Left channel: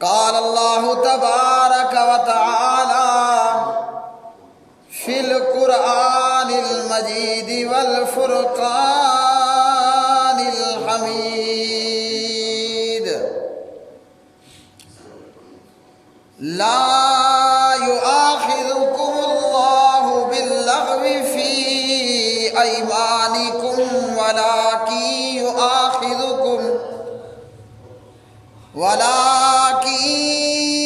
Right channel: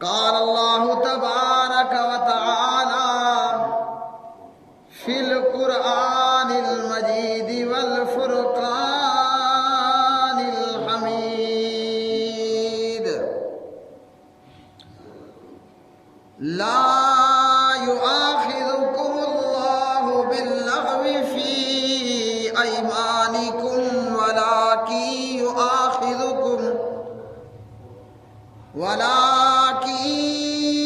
قال اللہ تبارک و تعالی فی القرآن المجید والفرقان الحمید لا يؤاخذكم الله باللغو في أيمانكم ولكن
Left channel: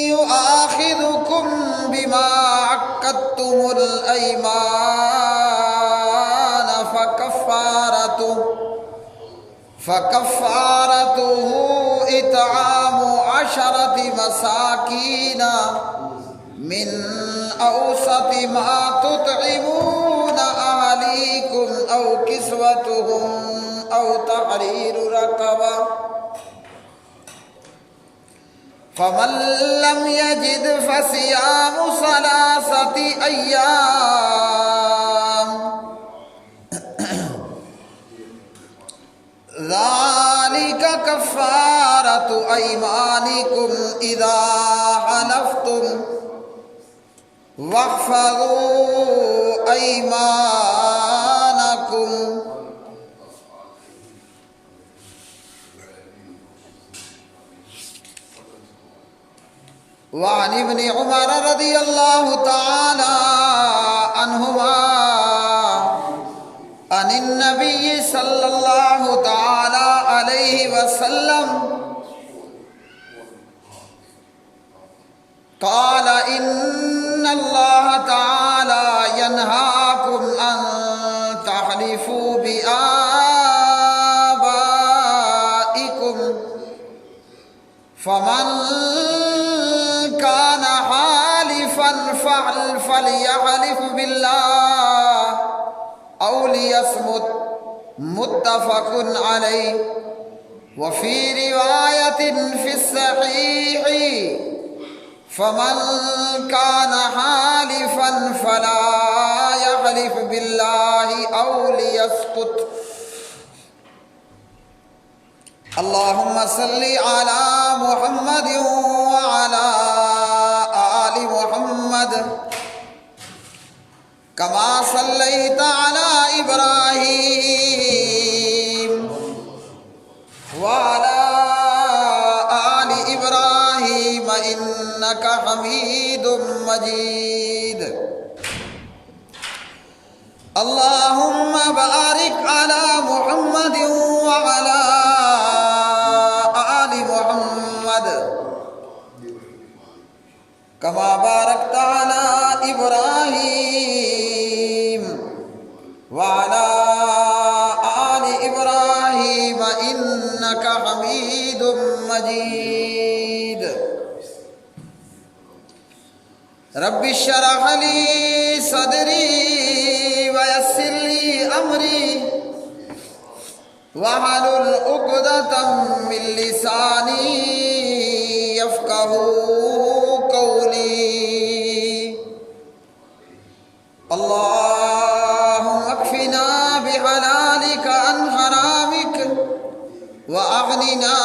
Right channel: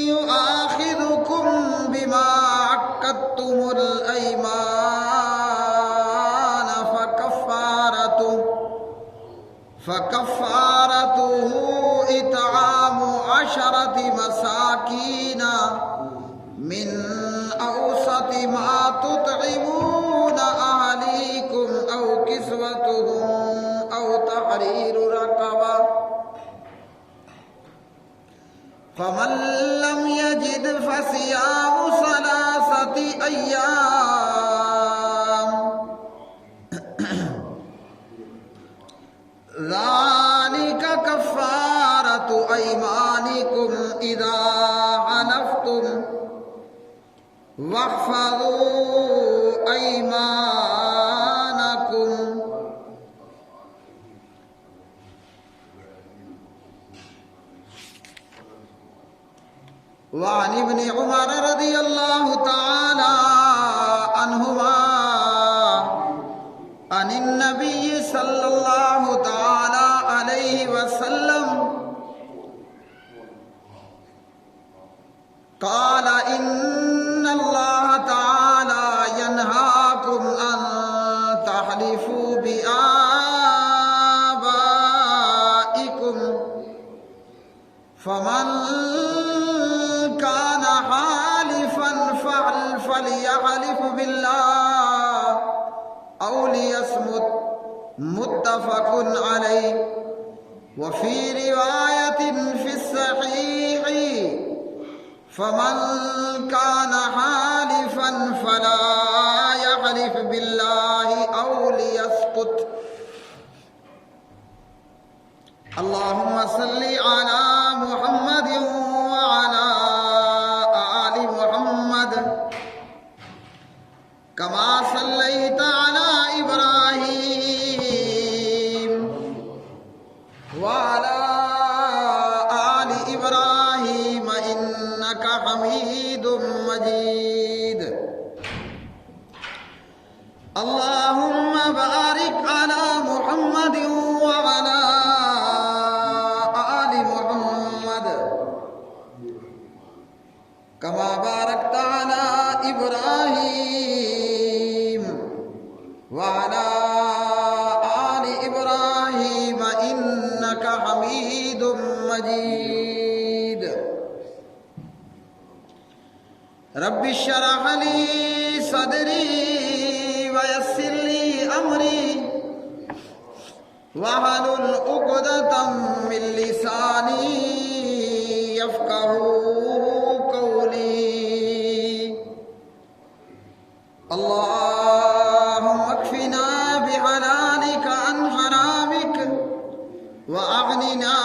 يؤاخذكم بما عقدتم الأيمان فكفارته إطعام 10 مساكين من أوسط ما تطعمون أهليكم أو كسوتهم أو تحرير رقبة فمن لم يجد فصيام 3 أيام ذلك كفارة أيمانكم إذا حلفتم واحفظوا أيمانكم وعن ابن عمر رضی اللہ تعالی عنہما عن النبی صلی اللہ تعالی علیہ وسلم قال ان اللہ تعالی ینہاکم ان تحلفوا بآبائکم فمن كان حالفا فليحلف بالله أو ليصمت متفق عليه وفي رواية في الصحيح فمن كان حالفا فلا يحلف بالله أو ليسكت اللهم صل على محمد وعلى آل محمد كما صليت على إبراهيم وعلى آل إبراهيم إنك حميد مجيد اللهم بارك على محمد وعلى آل محمد كما باركت على إبراهيم وعلى آل إبراهيم إنك حميد مجيد رب اشرح لي صدري ويسر لي أمري واحلل عقدة من لساني يفقهوا قولي اللهم اكفنا بحلالك عن حرامك وأغننا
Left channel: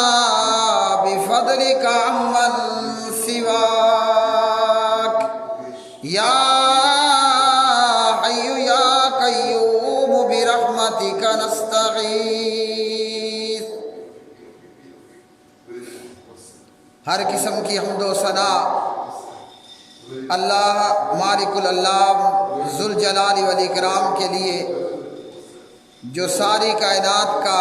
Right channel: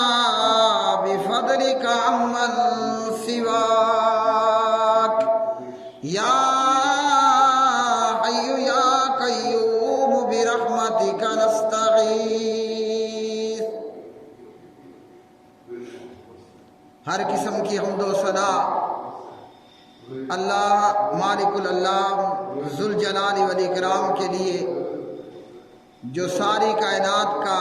بفضلك عمن سواك يا حي يا قيوم برحمتك نستغيث ہر قسم کی حمد و ثنا اللہ مالک الالام ذوالجلال والاکرام کے لیے جو ساری کائنات کا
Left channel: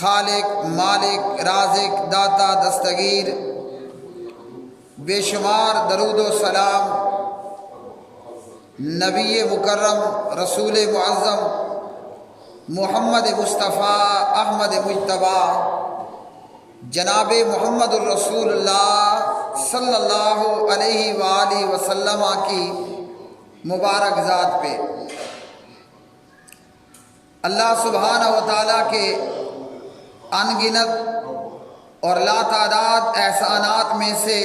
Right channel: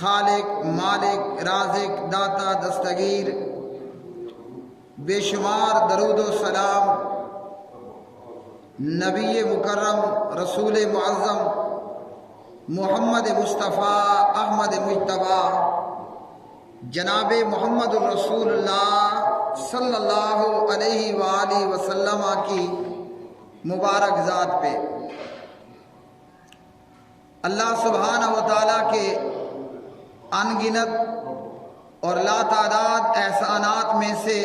خالق مالک رازق داتا دستگیر بے شمار درود و سلام نبی مکرم رسول معظم محمد مصطفیٰ احمد مجتبیٰ جناب محمد الرسول اللہ صلی اللہ علیہ وآلہ وسلم کی مبارک ذات پہ اللہ سبحانہ و تعالیٰ کے ان گنت اور لا تعداد احسانات میں سے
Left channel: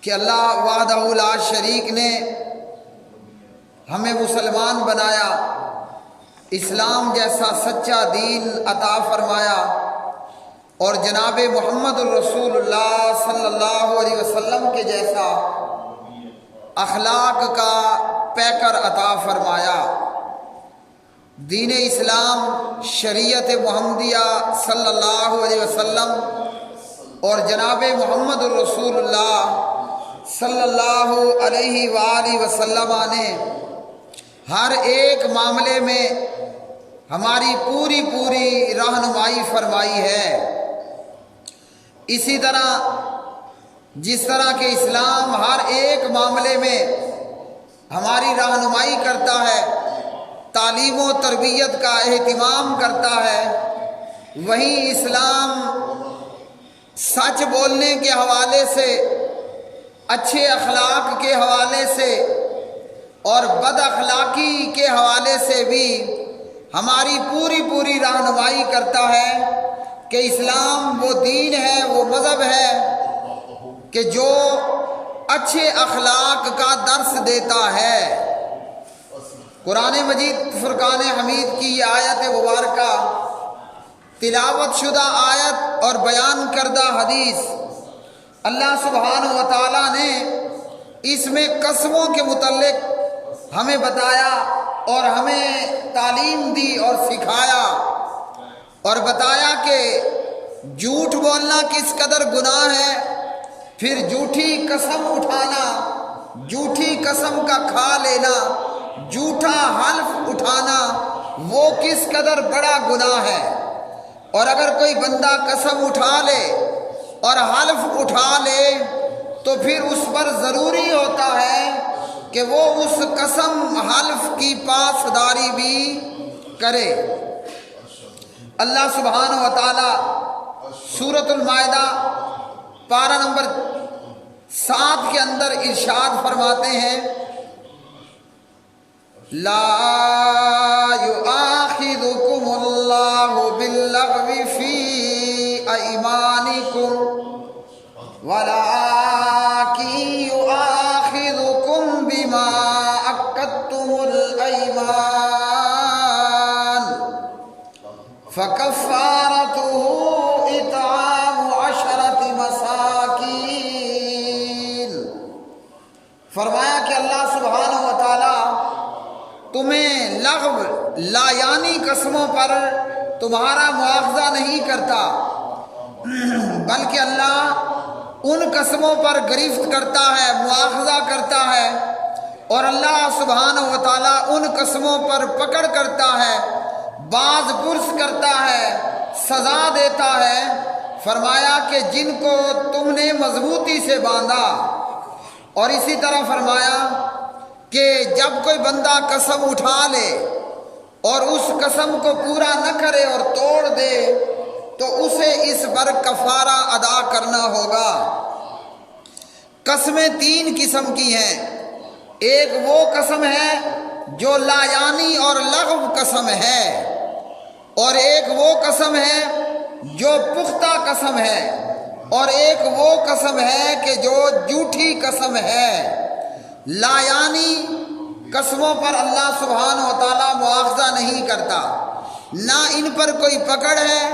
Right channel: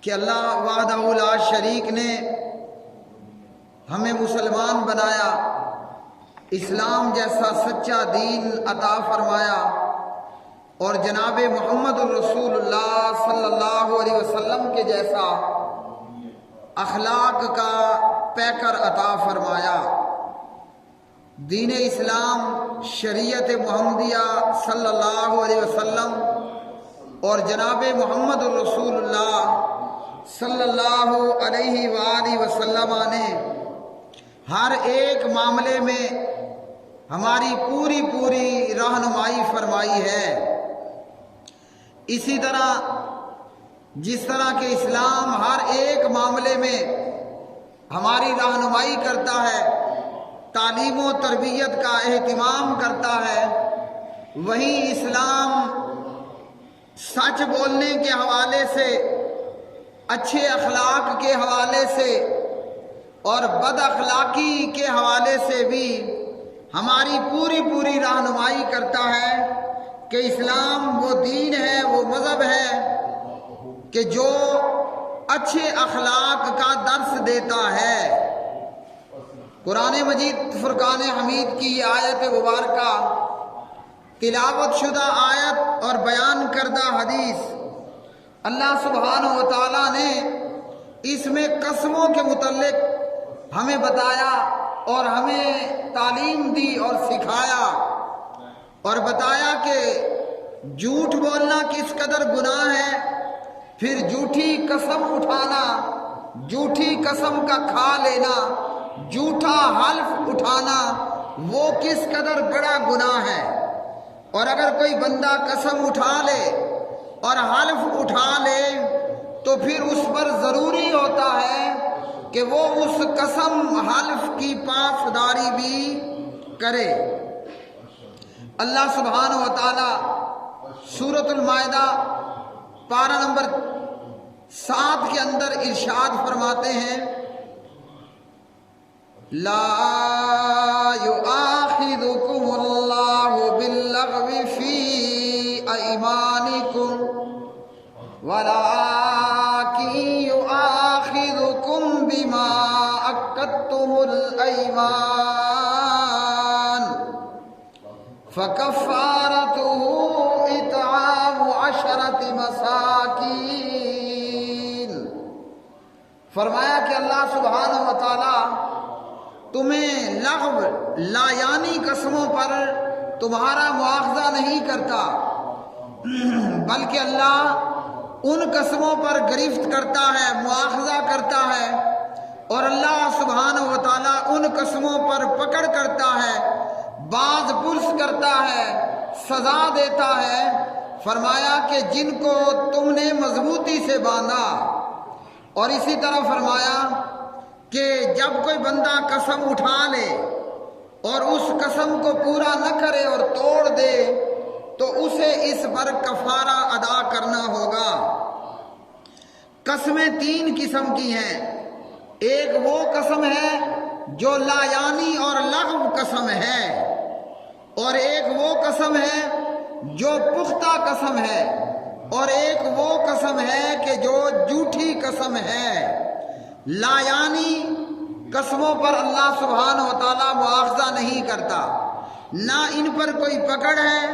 کہ اللہ وحدہ لا شریک نے ہمیں مسلمان بنایا، اسلام جیسا سچا دین عطا فرمایا اور جناب محمد الرسول اللہ صلی اللہ علیہ وسلم کے جیسا اخلاق کا پیکر عطا فرمایا۔ دین اسلام، شریعت محمدیہ صلی اللہ علیہ وسلم اور جناب محمد الرسول اللہ صلی اللہ علیہ وآلہ وسلم نے ہر ایک معاملے میں ہماری پوری رہنمائی فرمائی ہے۔ اسی طرح جس طرح کہ اسلام ہر ایک معاملے میں ہماری رہنمائی کرتا ہے، تعلیم و تربیت کا اہتمام کرتا ہے، وہیں اسلام سچ بولنے کے حوالے سے، اچھے اخلاق کے حوالے سے اور بد اخلاقی کے حوالے سے بھی ہماری پوری رہنمائی کرتا ہے کہ اسلام وہ دین ہے، وہ مذہب ہے کہ جو اچھے اخلاق کا درس دیتا ہے۔ قرآن مجید فرقان حمید کی یہ آیت مبارکہ، تلاوت شدہ آیت اور بیان کردہ حدیث، اللہ سبحانہ و تعالیٰ نے اس میں قسموں کے متعلق ہمیں بتایا اور ہمیں تعلیم دی اور سکھایا، اور بتایا کہ جھوٹ بولنا کس قدر گناہ ہے، پھر جھوٹی قسم اٹھانا، جھوٹی قسم کا کھا لینا، جھوٹا حلف اٹھانا وہ کس قدر بڑا گناہ ہے۔ اور اگر کوئی بندہ قسم اٹھا لے اور حلف اٹھا لے تو پھر اس پر ضروری ہوتا ہے کہ وہ اس قسم حلف کی پاسداری بھی کرے۔ اللہ سبحانہ و تعالی سورۃ المائدہ پارہ نمبر 7 کے اندر ارشاد فرماتے ہیں، لا یؤاخذکم اللہ باللغو فی ایمانکم ولکن یؤاخذکم بما عقدتم الایمان فکفارتہ اطعام 10 مساکین۔ فرمایا کہ اللہ سبحانہ و تعالی تمہیں لغو لا یعنی قسموں پر تمہارا مواخذہ نہیں کرتا، بلکہ اللہ ان قسموں پر گرفت کرتا ہے، مواخذہ کرتا ہے، اور اللہ سبحانہ و تعالیٰ ان قسموں پر پکڑ کرتا ہے، باز پرس کرتا ہے، سزا دیتا ہے۔ فرمایا کہ جن کو تم نے مضبوطی سے باندھا، اور اسی طرح فرمایا کہ جب کوئی بندہ قسم اٹھا لے اور اس قسم کو پورا نہ کرے اور توڑ دے تو اسے اس پر کفارہ ادا کرنا ہوگا۔ قسمیں 3 قسم کی ہیں، ایک وہ قسم ہے جو لا یعنی اور لغو قسم ہے، اور ایک وہ قسم ہے جو پختہ قسم ہے، اور ایک وہ قسم ہے کہ جو جھوٹی قسم ہے۔ لا یعنی قسموں پر اللہ سبحانہ و تعالیٰ مواخذہ نہیں کرتا، نہ ان پر کوئی پکڑ ہے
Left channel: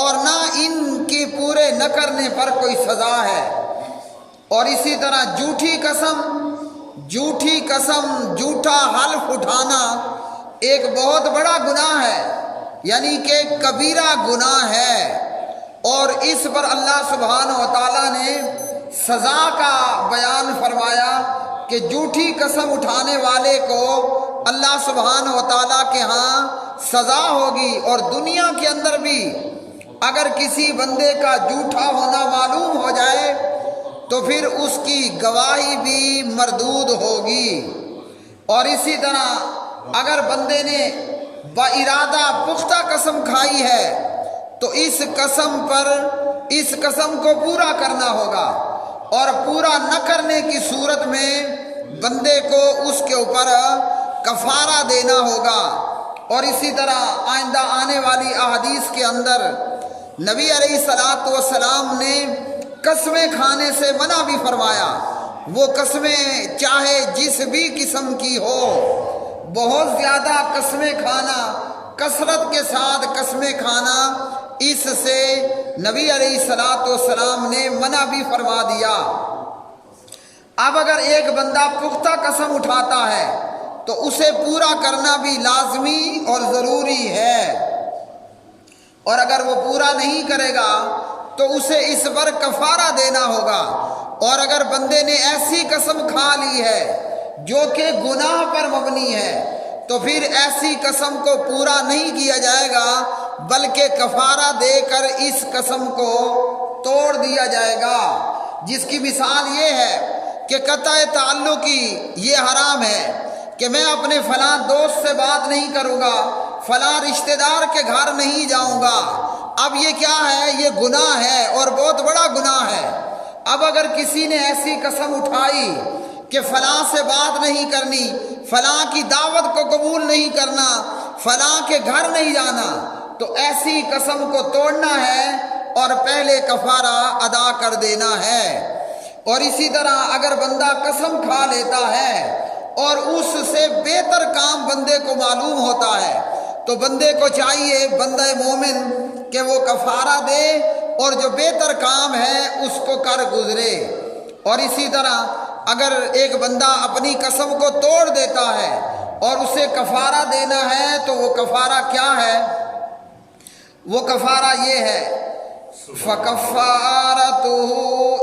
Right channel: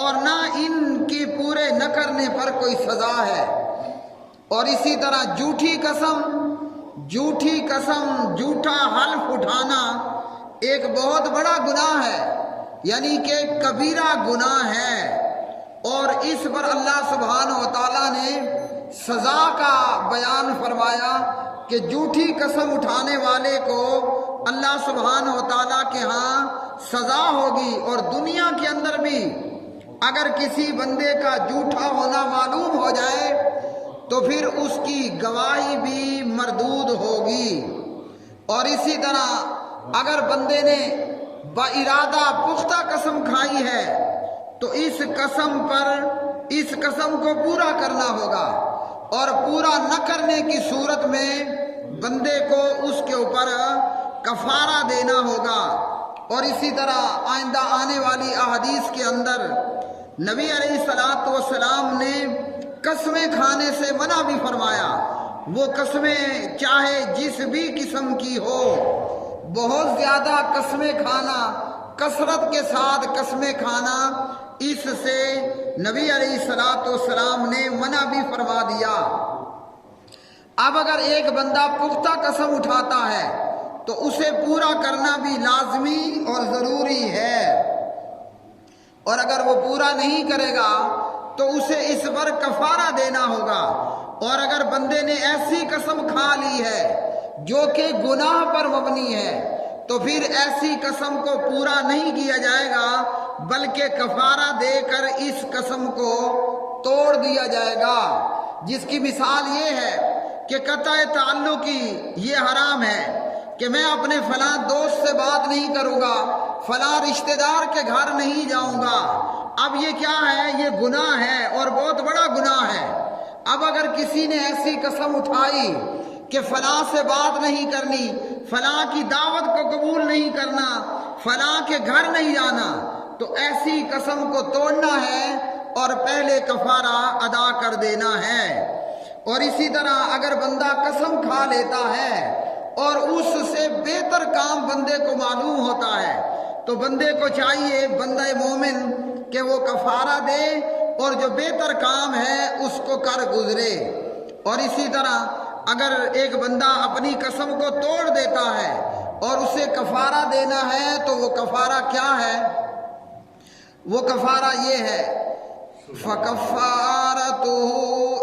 اور نہ ان کے پورے نہ کرنے پر کوئی سزا ہے۔ اور اسی طرح جھوٹی قسم، جھوٹا حلف اٹھانا ایک بہت بڑا گناہ ہے، یعنی کہ کبیرہ گناہ ہے، اور اس پر اللہ سبحانہ و تعالیٰ نے سزا کا بیان فرمایا کہ جھوٹی قسم اٹھانے والے کو اللہ سبحانہ و تعالیٰ کے ہاں سزا ہوگی، اور دنیا کے اندر بھی اگر کسی بندے کا جھوٹا ہونا معلوم ہو جائے تو پھر اس کی گواہی بھی مردود ہوگی۔ اور اسی طرح اگر بندے نے بارادہ پختہ قسم کھائی ہے تو اس قسم کو پورا کرنا ہوگا، اور پورا نہ کرنے کی صورت میں بندے کو اس کے اوپر کفارہ دینا ہوگا۔ اور اسی طرح آئندہ آنے والی احادیث کے اندر نبی علیہ الصلوۃ والسلام نے قسمیں کھانے سے منع بھی فرمایا۔ وہ قسمیں چاہے جس بھی قسم کی ہو، بہت زیادہ قسمیں کھانا، کثرت کے ساتھ قسمیں کھانا، اس سے نبی علیہ الصلوۃ والسلام نے منع بھی فرما دیا۔ اب اگر ایک بندہ پختہ قسم اٹھاتا ہے تو اسے پورا کرنا بھی لازمی اور ضروری ہے، اور اگر وہ پورا نہیں کرے گا تو اسے اس پر کفارہ دینا ہوگا۔ اور اگر بندے نے ایسی قسم کھا لی ہے جو کہ گناہ پر مبنی ہے تو پھر ایسی قسم کو پورا نہیں کیا جائے گا، بلکہ کفارہ دے کر اس قسم کو توڑ دیا جائے گا، جس کی مثال یہ ہے کہ قطع تعلق کی یہ حرام ہے کہ میں اپنے فلاں دوست سے بات نہیں کروں گا، فلاں رشتہ دار کے گھر نہیں جاؤں گا۔ اب یہ کیا ہے؟ یہ گناہ ہے اور بہت بڑا گناہ ہے۔ اب اگر کسی نے ایسی قسم اٹھائی کہ فلاں سے بات نہیں کرنی، فلاں کی دعوت کو قبول نہیں کرنا، فلاں کے گھر نہیں جانا، تو ایسی قسم کو توڑنا ہے اور پہلے کفارہ ادا کر دینا ہے۔ اور اسی طرح اگر بندہ قسم کھا لیتا ہے اور اس سے بہتر کام بندے کو معلوم ہوتا ہے تو بندے کو چاہیے، بندہ مومن، کہ وہ کفارہ دے اور جو بہتر کام ہے اس کو کر گزرے۔ اور اسی طرح اگر ایک بندہ اپنی قسم کو توڑ دیتا ہے اور اسے کفارہ دینا ہے تو وہ کفارہ کیا ہے؟ وہ کفارہ یہ ہے، فَكَفَّارَتُهُ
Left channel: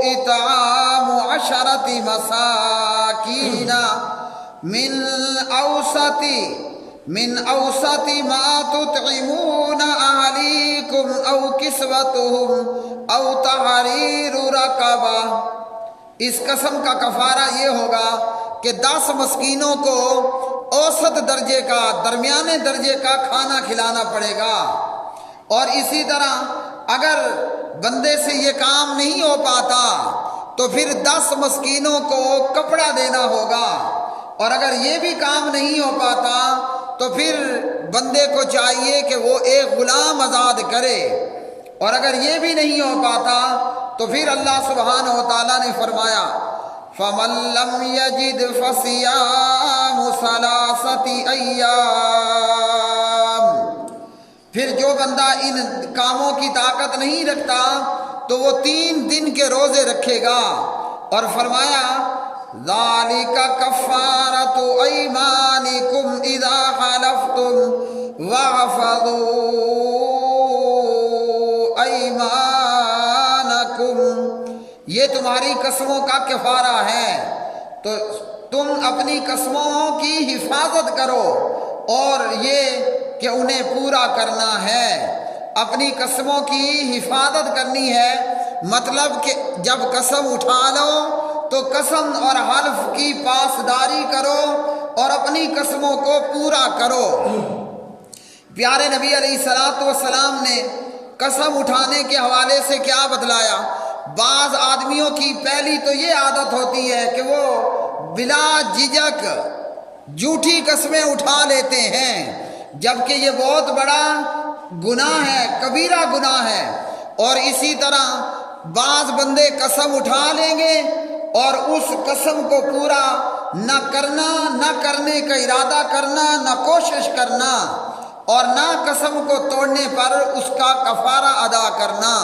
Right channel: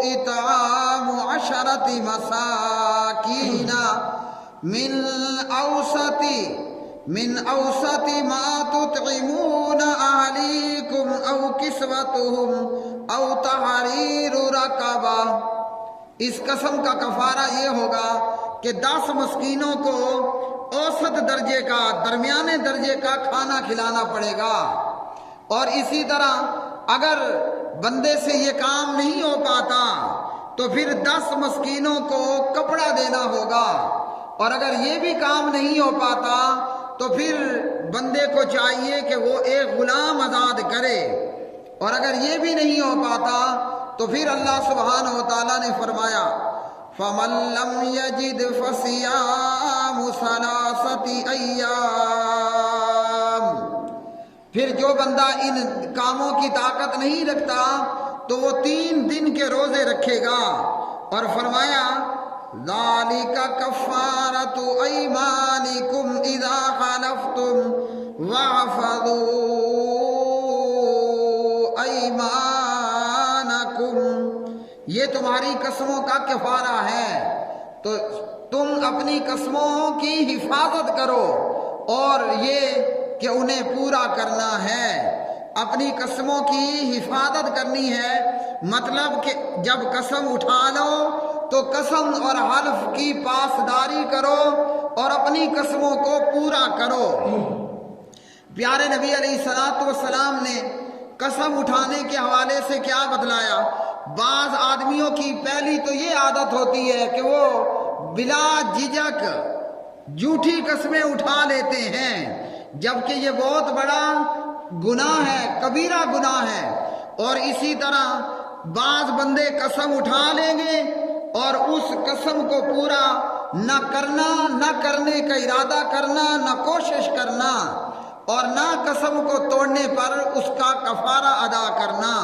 إِطْعَامُ عَشَرَةِ مَسَاكِينَ من أوسط ما تطعمون أهليكم أو كسوتهم أو تحرير رقبة۔ اس قسم کا کفارہ یہ ہوگا کہ 10 مسکینوں کو اوسط درجے کا، درمیانے درجے کا کھانا کھلانا پڑے گا۔ اور اسی طرح اگر بندے سے یہ کام نہیں ہو پاتا تو پھر 10 مسکینوں کو کپڑا دینا ہوگا۔ اور اگر یہ بھی کام نہیں ہو پاتا تو پھر بندے کو چاہیے کہ وہ ایک غلام آزاد کرے۔ اور اگر یہ بھی نہیں ہو پاتا تو پھر اللہ سبحانہ و تعالیٰ نے فرمایا فَمَن لَّمْ يَجِدْ فَصِيَامُ ثَلَاثَةِ أَيَّامٍ۔ پھر جو بندہ ان کاموں کی طاقت نہیں رکھتا تو وہ 3 دن کے روزے رکھے گا۔ اور فرمایا ذَلِكَ كَفَّارَةُ أَيْمَانِكُمْ إِذَا حَلَفْتُمْ وَاحْفَظُوا أَيْمَانَكُمْ۔ یہ تمہاری قسموں کا کفارہ ہے، تو تم اپنی قسموں کی حفاظت کرو اور یہ کہ انہیں پورا کرنا ہے۔ اپنی قسموں کی حفاظت کرنی ہے، مطلب کہ جب قسم اٹھا لو تو قسم اور حلف کی پاسداری کرو اور اپنی قسموں کو پورا کرو۔ پیارے نبی علیہ الصلوۃ والسلام نے قسم اٹھانے کے حوالے سے کیا بتلایا؟ بعض آدمیوں کی پہلی تو یہ عادت ہوتی ہے کہ وہ بلا جھجک جھوٹی قسمیں اٹھا لیتے ہیں، جبکہ یہ بہت بڑا گناہ ہے، کبیرہ گناہ ہے۔ اور اسی طرح بعض بندے قسم اٹھا لیں گے اور اس قسم کو پورا نہ کرنا، نہ کرنے کا ارادہ کرنا، نہ کوشش کرنا، اور نہ قسم کو توڑنے پر اس کا کفارہ ادا کرنا۔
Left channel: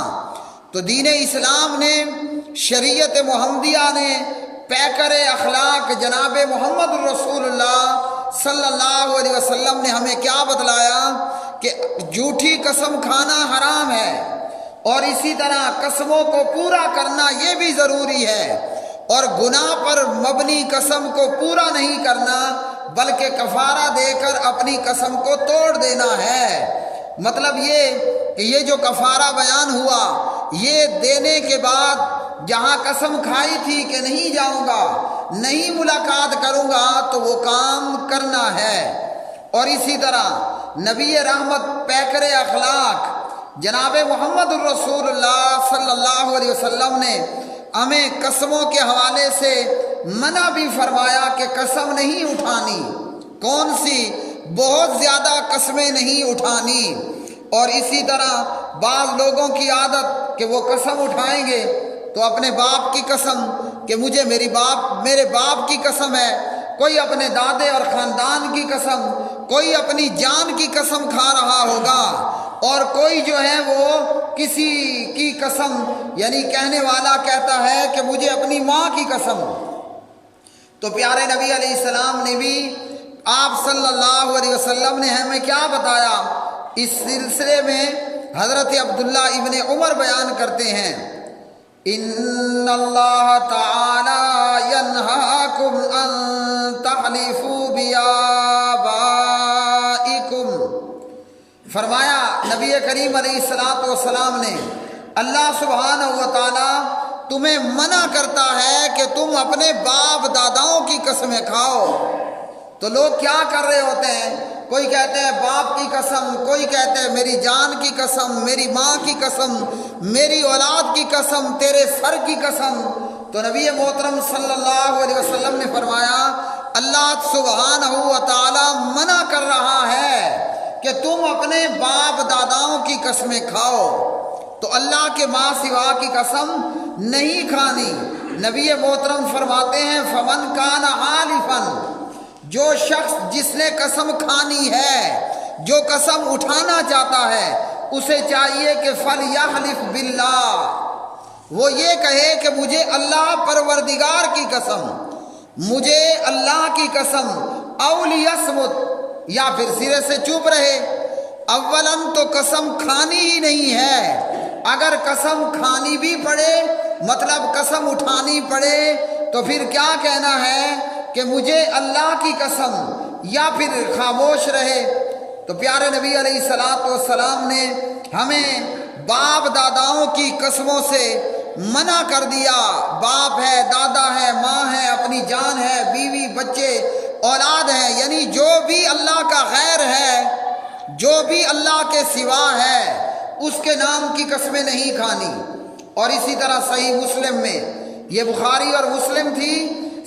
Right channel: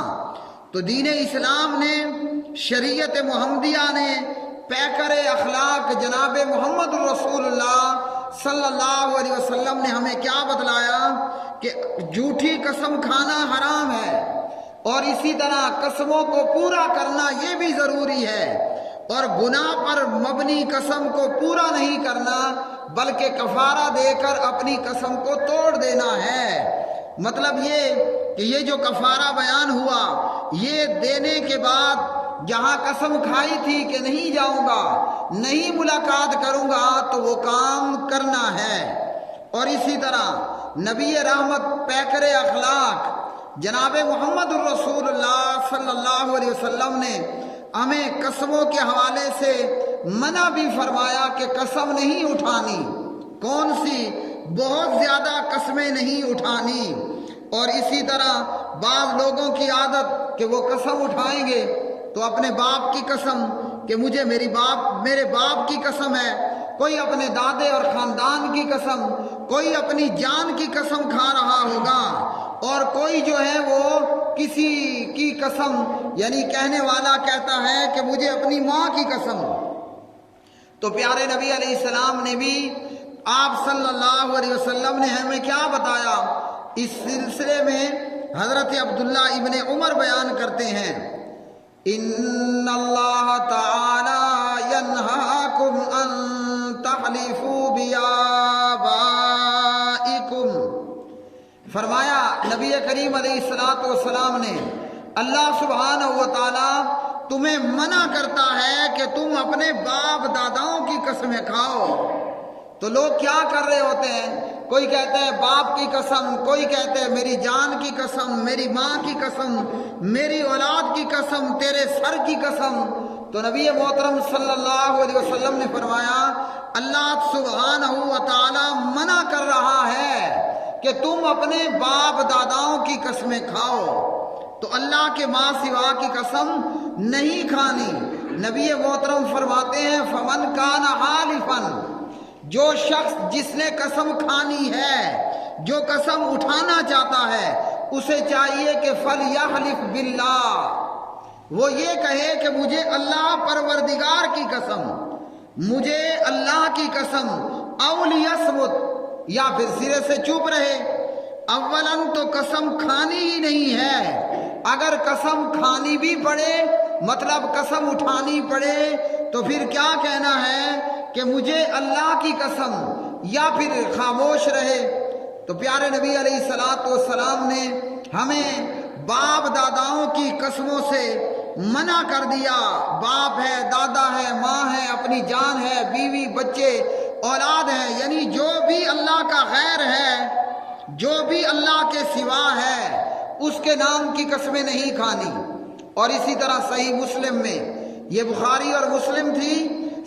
تو دین اسلام نے، شریعت محمدیہ نے، پیکر اخلاق جناب محمد رسول اللہ صلی اللہ علیہ وسلم نے ہمیں کیا بتلایا کہ جھوٹی قسم کھانا حرام ہے، اور اسی طرح قسموں کو پورا کرنا یہ بھی ضروری ہے، اور گناہ پر مبنی قسم کو پورا نہیں کرنا بلکہ کفارہ دے کر اپنی قسم کو توڑ دینا ہے۔ مطلب یہ کہ یہ جو کفارہ بیان ہوا، یہ دینے کے بعد جہاں قسم کھائی تھی کہ نہیں جاؤں گا، نہیں ملاقات کروں گا، تو وہ کام کرنا ہے۔ اور اسی طرح نبی رحمت پیکر اخلاق جناب محمد الرسول اللہ صلی اللہ علیہ وسلم نے ہمیں قسموں کے حوالے سے منع بھی فرمایا کہ قسم نہیں اٹھانی۔ کون سی؟ بہت زیادہ قسمیں نہیں اٹھانی۔ اور اسی طرح بعض لوگوں کی عادت کہ وہ قسم اٹھائیں گے تو اپنے باپ کی قسم کہ مجھے میرے باپ کی قسم ہے، کوئی اپنے دادے اور خاندان کی قسم، کوئی اپنی جان کی قسم کھا رہا ہوگا، اور کوئی جو ہے وہ کسی کی قسم، یعنی کہنے والا کہتا ہے کہ مجھے اپنی ماں کی قسم۔ تو پیارے نبی علیہ السلام نے بھی، آپ صلی اللہ علیہ وسلم نے ہمیں کیا بتایا؟ اس سلسلے میں حضرت عبداللہ ابن عمر بیان کرتے ہیں، ان اللہ تعالی ینہاکم ان تحلفوا بآبائکم، فرمایا نبی کریم علیہ السلام نے، اللہ سبحانہ و تعالی تمہیں منع کرتا ہے کہ تم اپنے باپ داداؤں کی قسمیں کھاؤ۔ تو لوگ کیا کر رہے ہوتے ہیں؟ کوئی کہتا ہے باپ کی قسم، کوئی کہتا ہے میری جان کی قسم، میری ماں کی قسم، میری اولاد کی قسم، تیرے سر کی قسم۔ تو نبی محترم صلی اللہ علیہ وسلم نے فرمایا اللہ سبحانہ و تعالی منع کر رہا ہے کہ تم اپنے باپ داداؤں کی قسمیں کھاؤ، تو اللہ کے ماں سوا کی قسم نہیں کھانی۔ نبی محترم فرماتے ہیں فمن کان حالفا، جو شخص جس نے قسم کھانی ہے، جو قسم اٹھانا چاہتا ہے، اسے چاہیے کہ فلیحلف باللہ، وہ یہ کہے کہ مجھے اللہ پروردگار کی قسم، مجھے اللہ کی قسم، او لیصمت، یا پھر سرے سے چپ رہے۔ اولاً تو قسم کھانی ہی نہیں ہے، اگر قسم کھانی بھی پڑے، مطلب قسم اٹھانی پڑے، تو پھر کیا کہنا ہے کہ مجھے اللہ کی قسم، یا پھر خاموش رہے۔ تو پیارے نبی علیہ السلام نے ہمیں باپ داداؤں کی قسموں سے منع کر دیا۔ باپ ہے، دادا ہے، ماں ہے، اپنی جان ہے، بیوی، بچے، اولاد ہے، یعنی جو بھی اللہ کا غیر ہے، جو بھی اللہ کے سوا ہے، اس کے نام کی قسمیں نہیں کھانی۔ اور اسی طرح صحیح مسلم میں، یہ بخاری اور مسلم تھی،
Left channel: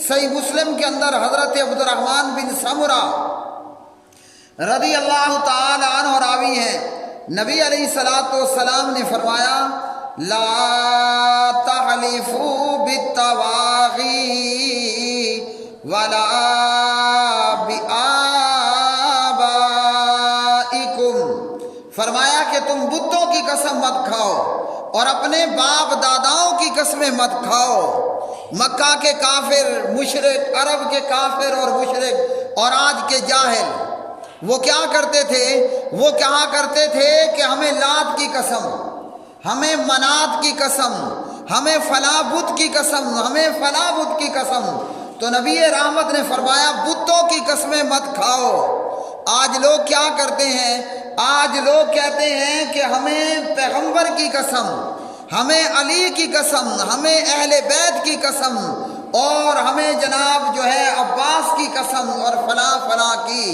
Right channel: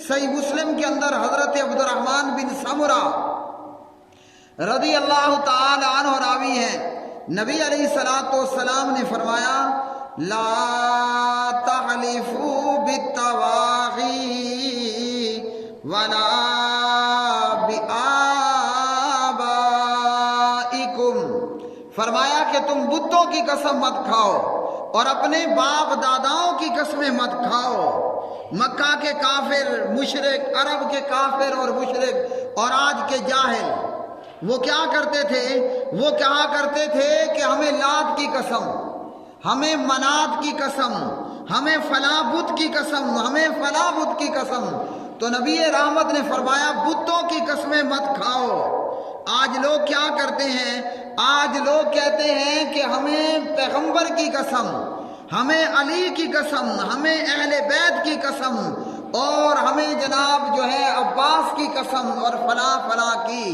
صحیح مسلم کے اندر حضرت عبد الرحمن بن سمرہ رضی اللہ تعالی عنہ راوی ہیں، نبی علیہ السلام نے فرمایا لا تحلفوا بالتواغی ولا بآبائکم، فرمایا کہ تم بتوں کی قسم مت کھاؤ اور اپنے باپ داداؤں کی قسمیں مت کھاؤ۔ مکہ کے کافر، مشرک، عرب کے کافر اور مشرک اور آج کے جاہل، وہ کیا کرتے تھے؟ وہ کہا کرتے تھے کہ ہمیں لات کی قسم، ہمیں منات کی قسم، ہمیں فلاں بت کی قسم، ہمیں فلاں بت کی قسم۔ تو نبی رحمت نے فرمایا بتوں کی قسمیں مت کھاؤ۔ آج لوگ کیا کرتے ہیں؟ آج لوگ کہتے ہیں کہ ہمیں پیغمبر کی قسم، ہمیں علی کی قسم، ہمیں اہل بیت کی قسم، اور ہمیں جناب جو ہے عباس کی قسم اور فلاں فلاں کی۔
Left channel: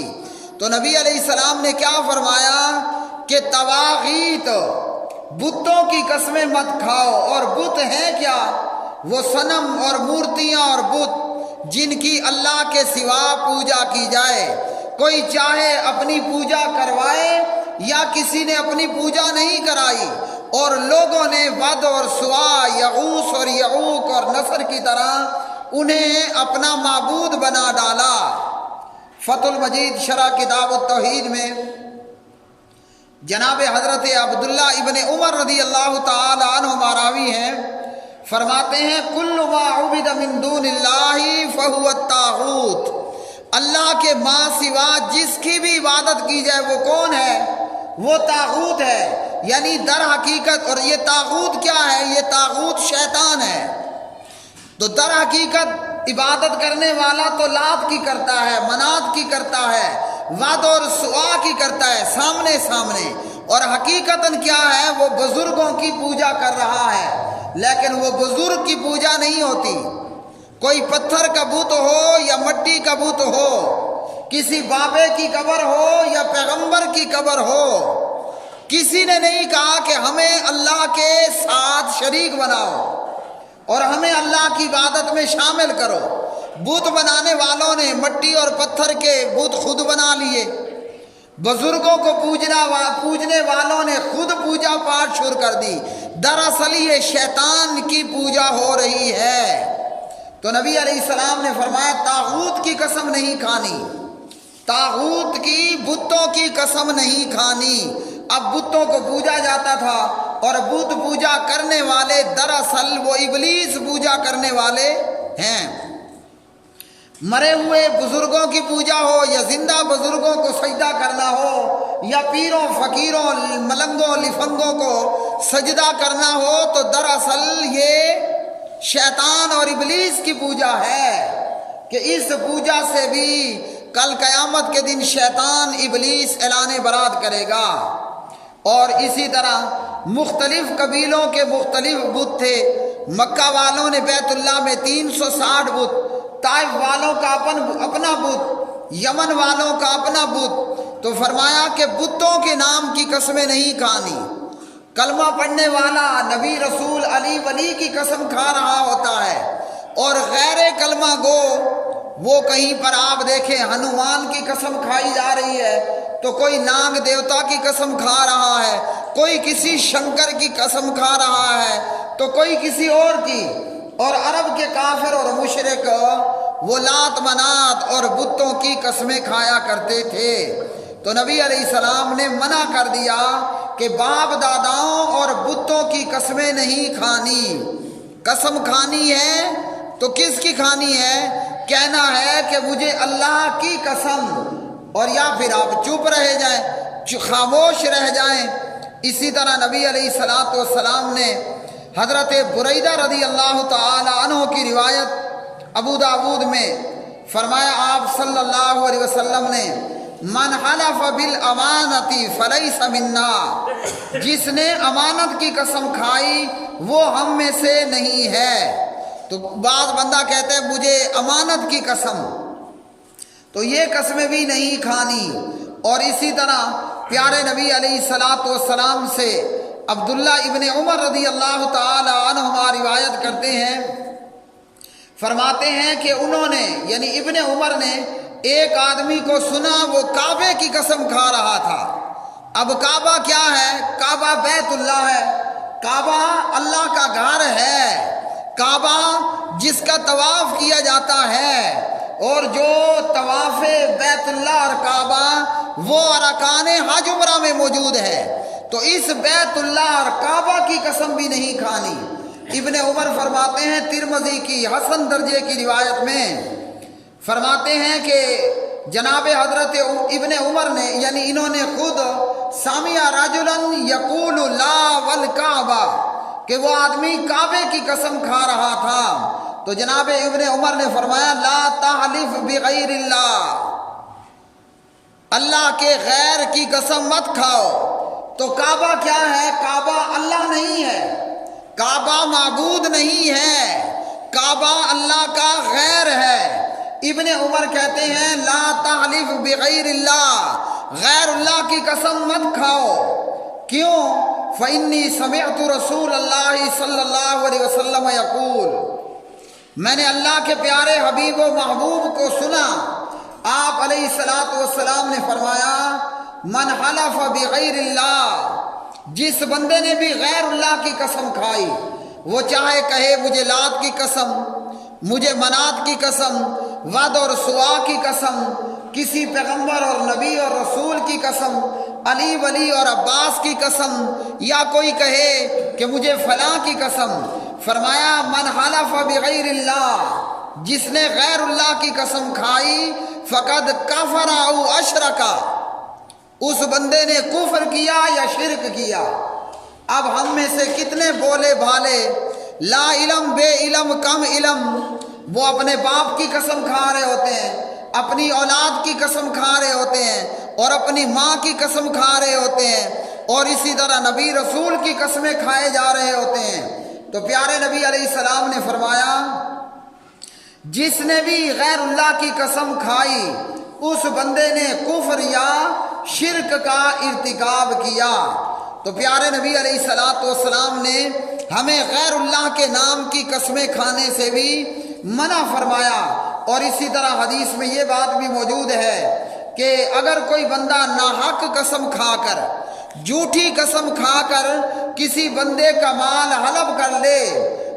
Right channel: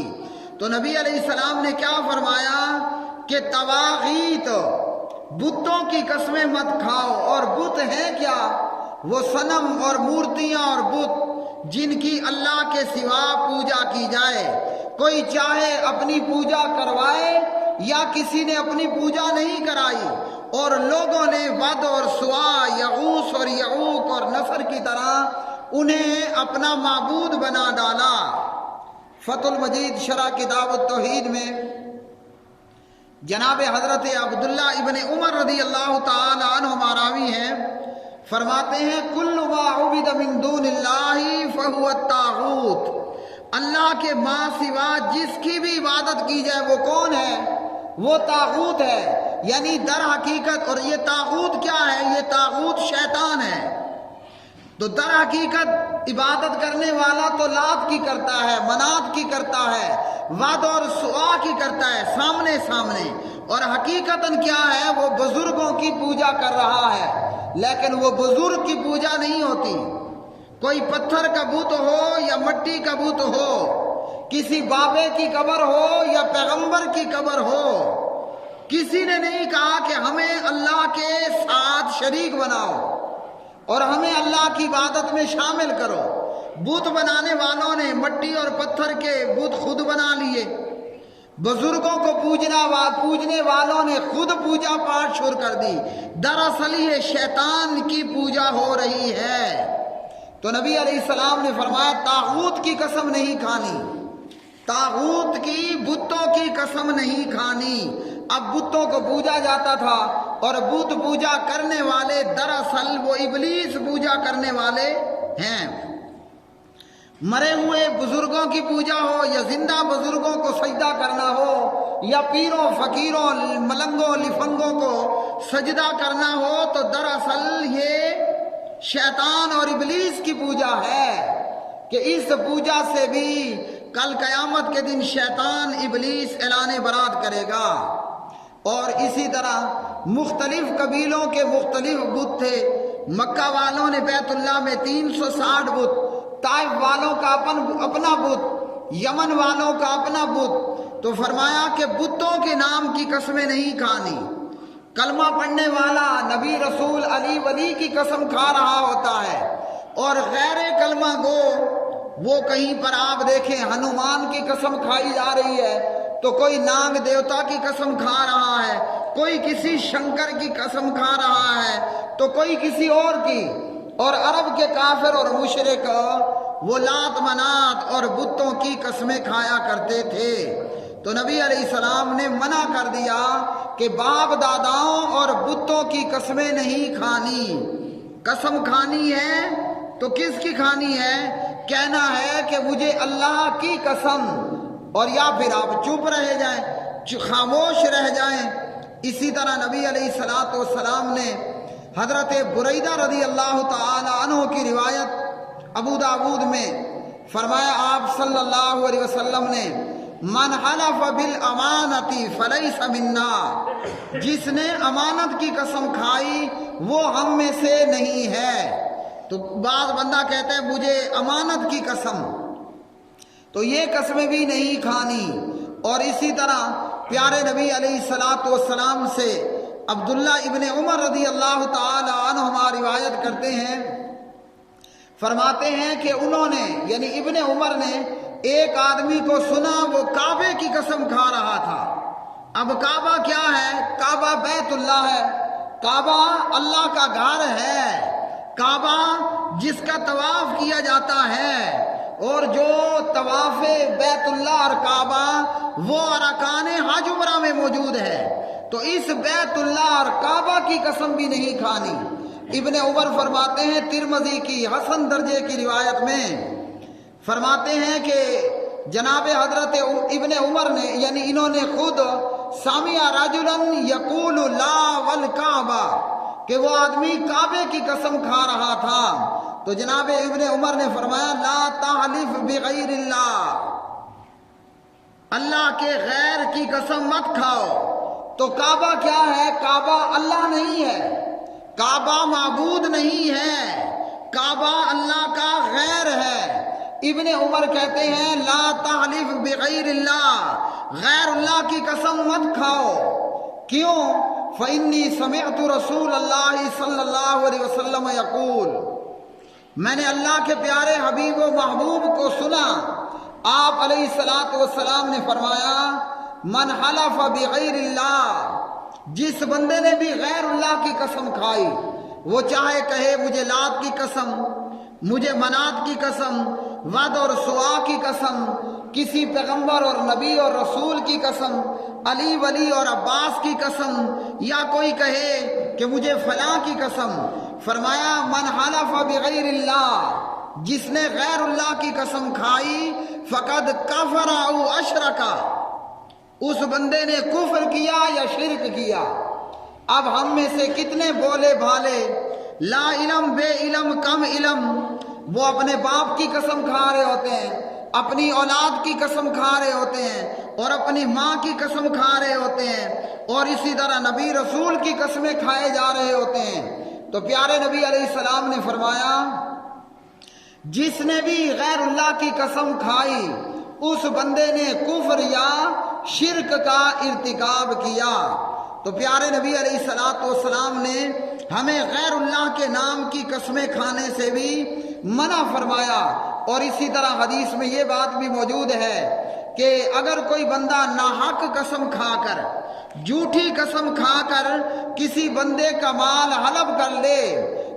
تو نبی علیہ السلام نے کیا فرمایا کہ تواغیت، بتوں کی قسمیں مت کھاؤ۔ اور بت ہیں کیا؟ وہ صنم اور مورتیاں اور بت جن کی اللہ کے سوا پوجا کی جائے۔ کوئی چاہے اپنی پوجا کروائے یا کسی نے اپنی پوجا نہیں کرائی، اور لوگوں نے ود اور سوا، یغوث اور یعوق اور نصر کی طرح انہیں اپنا معبود بنا ڈالا۔ فتح المجید شرح کتاب التوحید میں جناب حضرت عبداللہ ابن عمر رضی اللہ تعالی عنہ راوی ہیں، فرماتے ہیں کل ما عبد من دون اللہ فہو الطاغوت، اللہ کے ماں سوا جس کی بھی عبادت کی جائے وہ کون ہے؟ وہ طاغوت ہے۔ یعنی در حقیقت، اور یہ طاغوت کیا ہے؟ یہ طاغوت شیطان ہے۔ تو در حقیقت عبادت کرنے والا تو لات کی کرتا ہے، منات کی کرتا ہے، ود اور سوا کی کرتا ہے، سامنے سامنے، اور حقیقتاً کیا ہے؟ وہ بزرگوں کی پوجا کر رہا ہے، لیکن وہ بزرگ کی پوجا نہیں ہوتی۔ کوئی پتھر کا بت ہو یا مٹی کا بت ہو، کسی بابے کی قبر ہو یا پیغمبر کی قبر ہو، کسی نے نہیں کہا کہ ہمیں اللہ کے ساتھ شریک بناؤ اور ہمیں اللہ کی عبادت میں شامل کرو۔ بت بنانے والوں نے مٹی اور پتھر کے بت خود بنا لیے، بزرگوں کو پوجنے والوں نے خود پوجا پاٹ شروع کر دی۔ دراصل یہ شیطان کی پوجا ہو رہی ہے۔ تو نبی علیہ السلام نے فرمایا طاغوت کی قسم نہیں کھانی، طاغوت کی، بتوں کی قسم نہیں کھانی۔ اب بتوں کو پوجا جاتا تھا، اور بت پوجا کرنے والے دراصل وہ ابلیس پوجا کرنے والے ہیں۔ مرے ہوئے بزرگوں کی پوجا ہو یا زندہ بزرگوں کو سجدہ کرنا ہو یا پیروں فقیروں ملنگوں لفنگوں کو سجدہ کرنا ہو، تو دراصل یہ شیطان اور ابلیس کی پوجا ہے کہ اس پوجا سے بھی کل قیامت کے دن شیطان ابلیس اعلان برات کرے گا۔ اور اسی طرح مختلف قبیلوں کے مختلف بت تھے۔ مکہ والوں نے بیت اللہ میں 360 بت، طائف والوں کا اپنا بت، یمن والوں کا اپنا بت۔ تو فرمایا کہ بتوں کے نام کی قسمیں نہیں کھانی۔ کلمہ پڑھنے والا نبی رسول علی ولی کی قسم کھا رہا ہوتا ہے، اور غیر کلمہ گو وہ کہیں پر آپ دیکھیں ہنومان کی قسم کھائی جا رہی ہے، تو کوئی ناگ دیوتا کی قسم کھا رہا ہے، کوئی کسی شنکر کی قسم کھا رہا ہے، تو کوئی کسی اور کی۔ اور عرب کے کافر اور مشرک وہ لات منات اور بتوں کی قسمیں کھایا کرتے تھے۔ تو نبی علیہ السلام نے منع کر دیا کہ باپ داداؤں اور بتوں کی قسمیں نہیں کھانی۔ قسم کھانی ہے تو کس کی کھانی ہے؟ کہنا ہے کہ مجھے اللہ کی قسم، اور یا پھر آپ چپ رہ جائیں، خاموش رہ جائیں۔ اسی طرح نبی علیہ السلام نے حضرت بریدہ رضی اللہ تعالی عنہ کی روایت ابو داود میں فرمایا، آپ صلی اللہ علیہ وسلم نے من حلف بالامانۃ فلیس منا، جس نے امانت کی قسم کھائی وہ ہم میں سے نہیں ہے۔ تو بعض بندہ کہتا ہے مجھے امانت کی قسم، تو یہ قسمیں بھی نہیں کھانی۔ اور اسی طرح پیارے نبی علیہ السلام سے عبداللہ ابن عمر رضی اللہ تعالی عنہما روایت کرتے ہیں، فرماتے ہیں کہ انہوں نے یعنی ابن عمر نے ایک آدمی کو سنا وہ کعبے کی قسم کھا رہا تھا۔ اب کعبہ کیا ہے؟ کعبہ بیت اللہ ہے، کعبہ اللہ کا گھر ہے، کعبہ جس کا طواف کیا جاتا ہے، اور جو طواف بیت اللہ اور کعبہ وہ ارکان حج عمرہ میں موجود ہے، تو اس بیت اللہ اور کعبہ کی قسم بھی نہیں کھانی۔ ابن عمر فرماتے ہیں ترمذی کی حسن درجے کی روایت میں فرماتے ہیں کہ جناب حضرت ابن عمر نے یعنی انہوں نے خود سامع رجلا یقول لا والکعبہ، کہ وہ آدمی کعبے کی قسم کھا رہا تھا، تو جناب ابن عمر نے فرمایا لا تحلف بغیر اللہ، اللہ کے غیر کی قسم مت کھاؤ۔ تو کعبہ کیا ہے؟ کعبہ اللہ نہیں ہے، کعبہ معبود نہیں ہے، کعبہ اللہ کا غیر ہے۔ ابن عمر کہتے ہیں لا تحلف بغیر اللہ، غیر اللہ کی قسم مت کھاؤ۔ کیوں؟ فإنی سمعت رسول اللہ صلی اللہ علیہ وسلم یقول، میں نے اللہ کے پیارے حبیب و محبوب کو سنا، آپ علیہ السلام نے فرمایا من حلف بغیر اللہ، جس بندے نے بھی غیر اللہ کی قسم کھائی، وہ چاہے کہے مجھے لات کی قسم، مجھے منات کی قسم، ود اور سوا کی قسم، کسی پیغمبر اور نبی اور رسول کی قسم، علی ولی اور عباس کی قسم، یا کوئی کہے کہ مجھے فلاں کی قسم، فرمایا من حلف بغیر اللہ، جس نے غیر اللہ کی قسم کھائی فقد کفر او اشرکا، اس بندے نے کفر کیا یا شرک کیا۔ اب ہم میں سے کتنے بولے بھالے لا علم بے علم کم علم، وہ اپنے باپ کی قسم کھا رہے ہوتے ہیں، اپنی اولاد کی قسم کھا رہے ہوتے ہیں، اور اپنی ماں کی قسم کھا رہے ہوتے ہیں، اور اسی طرح نبی رسول کی قسمیں کھائے جا رہے ہوتے ہیں۔ تو پیارے نبی علیہ السلام نے فرمایا جس نے بھی غیر اللہ کی قسم کھائی اس بندے نے کفر یا شرک کا ارتکاب کیا۔ تو پیارے نبی علیہ السلام نے ہمیں غیر اللہ کے نام کی قسمیں کھانے سے بھی منع فرمایا۔ اور اسی طرح حدیث میں یہ بات بھی موجود ہے کہ اگر کوئی بندہ ناحق قسم کھا کر، جھوٹی قسم کھا کر کسی بندے کا مال حلف کر لے،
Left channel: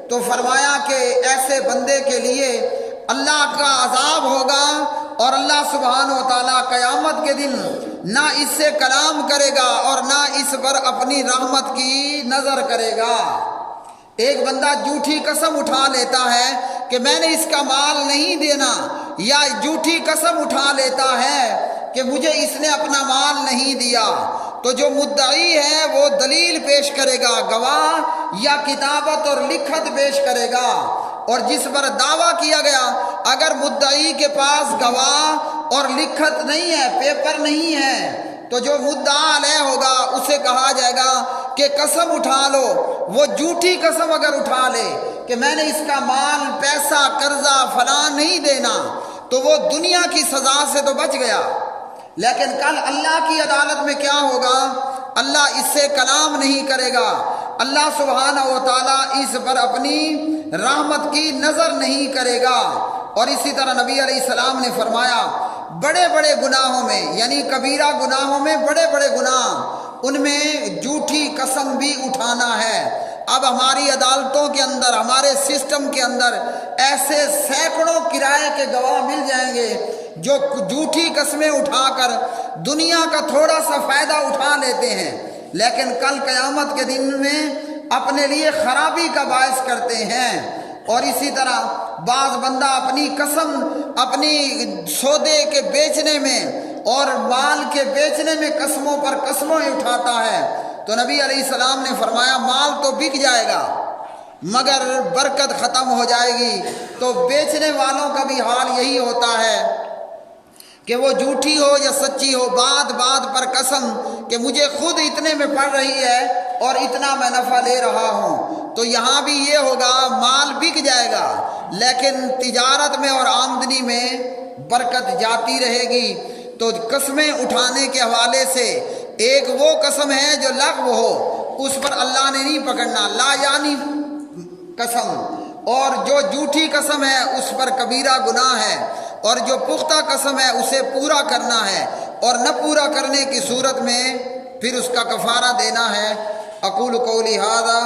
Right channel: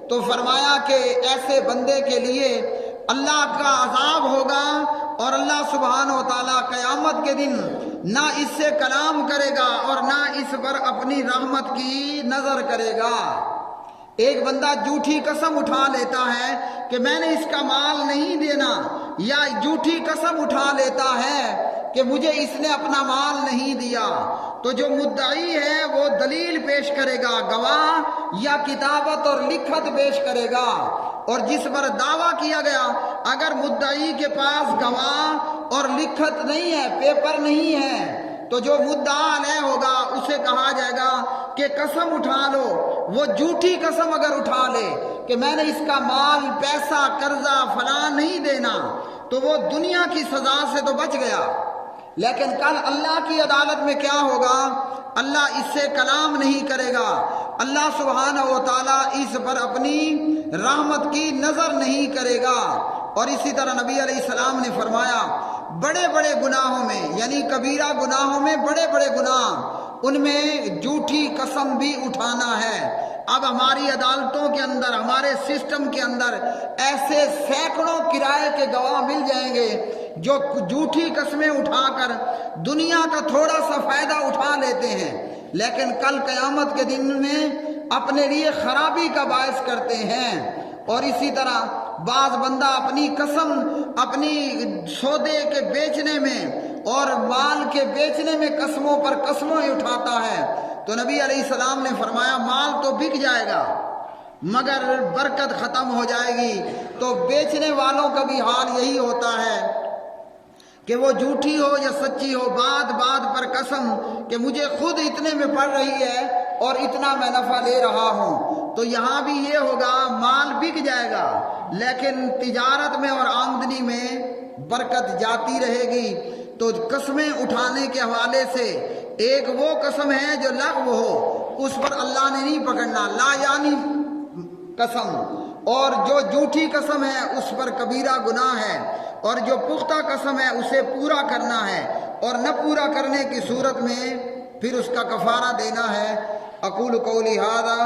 تو فرمایا کہ ایسے بندے کے لیے اللہ کا عذاب ہوگا، اور اللہ سبحانہ و تعالیٰ قیامت کے دن نہ اس سے کلام کرے گا اور نہ اس پر اپنی رحمت کی نظر کرے گا۔ ایک بندہ جھوٹی قسم اٹھا لیتا ہے کہ میں نے اس کا مال نہیں دینا، یا جھوٹی قسم اٹھا لیتا ہے کہ مجھے اس نے اپنا مال نہیں دیا، تو جو مدعی ہے وہ دلیل پیش کرے گا، گواہ یا کتابت اور لکھت پیش کرے گا۔ اور جس پر دعویٰ کیا گیا، اگر مدعی کے پاس گواہ اور لکھت نہیں ہے، پیپر نہیں ہے، تو جو مدعا علیہ ہوگا اسے کہا جائے گا کہ قسم اٹھا لو۔ وہ جھوٹی قسم اگر اٹھا لے کہ میں نے اس کا مال، پیسہ، قرضہ فلاں نہیں دینا، تو وہ دنیا کی سزا سے تو بچ گیا، لیکن کل اللہ کی عدالت میں کیا ہوگا؟ اللہ اس سے کلام نہیں کرے گا، اللہ سبحانہ و تعالیٰ اس پر اپنی رحمت کی نظر نہیں کرے گا۔ اور اسی طرح نبی علیہ السلام نے فرمایا، بڑے بڑے گناہوں میں، یعنی کبیرہ گناہوں میں بڑے بڑے گناہ، ان میں جھوٹی قسم بھی اٹھانا ہے۔ اب ہماری عدالتوں کے اندر، ہمارے سسٹم کے اندر ایسے سینکڑوں کرائے کے گواہ مل جائیں گے جو جھوٹی قسمیں اٹھا کر دنیا کا تھوڑا سا فائدہ اٹھا لیتے ہیں، لیکن کل قیامت کے دن میں اپنے لیے خرابی کا باعث کرتے ہیں۔ اور اسی طرح بعض بندہ اپنی قسم، اپنی سودے کے بیچنے میں اور مال کے بیچنے میں قسموں پر قسمیں اٹھاتا ہے، تو نبی علیہ السلام نے فرمایا مال تو بک جائے گا مگر برکت ختم ہو جائے گی۔ تو بیچنے والوں کا بھی حال یہی ہوتا ہے کہ وہ جھوٹی ہو یا سچی ہو، بات بات پر قسم کہ مجھے خود اتنے میں پڑ رہی ہے اور اتنا میں نفع لے رہا ہوں۔ تو یہاں بھی یہ ہوگا، مال بک جائے گا لیکن تجارت میں اور آمدنی میں برکت جاتی رہے گی۔ تو قسمیں اٹھانے کے حوالے سے ایک وہ قسم ہے جو لغو ہو، اس پر اللہ نے نہیں پکڑنا، لا یعنی قسم، اور جو جھوٹی قسم ہے اس پر کبیرہ گناہ ہے، اور جو پختہ قسم ہے اسے پورا کرنا ہے، اور نہ پورا کرنے کی صورت میں پھر اس کا کفارہ دینا ہے۔ اقول قولی ھذا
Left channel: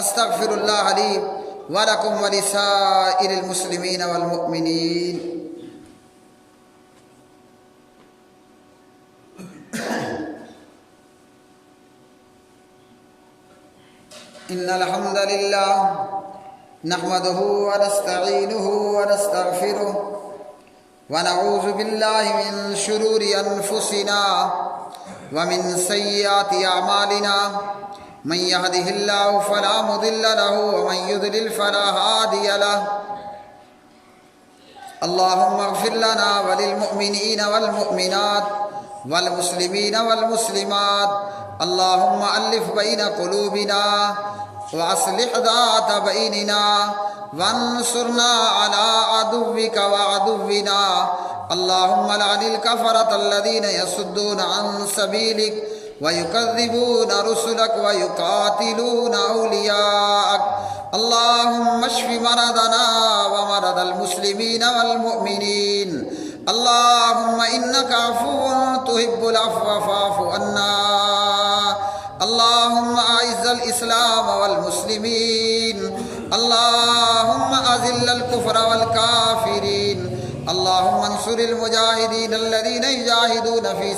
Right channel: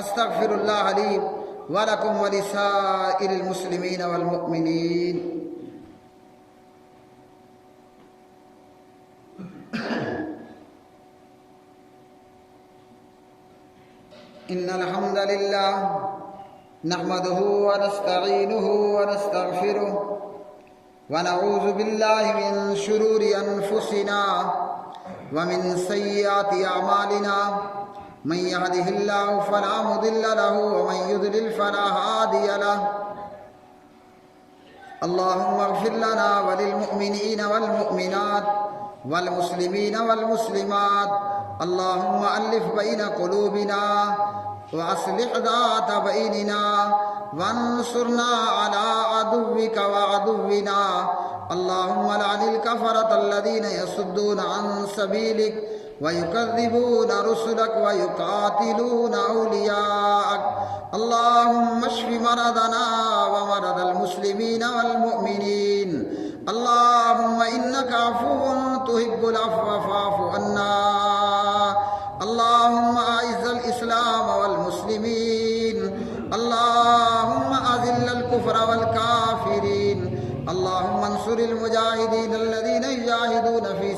استغفر اللہ لی ولکم ولسائر المسلمین والمؤمنین۔ ان الحمد للہ نحمده ونستعینه ونستغفره ونعوذ باللہ من شرور انفسنا ومن سیئات اعمالنا، من يهده الله فلا مضل له ومن يضلل فلا هادي له۔ اللهم اغفر لنا وللمؤمنين والمؤمنات والمسلمين والمسلمات، اللهم ألف بين قلوبنا وأصلح ذات بيننا وانصرنا على عدوك وعدونا، اللهم لعن الكفرة الذين يصدون عن سبيلك ويكذبون رسلك ويقاتلون أولياءك، اللهم اشف مرضنا ومرض المسلمين والمؤمنين، اللهم إنك عفو تحب العفو فاعف عنا، اللهم أعز الإسلام والمسلمين، اللهم أذل الكفر والكافرين، اللهم انصر المجاهدين الذين يجاهدون في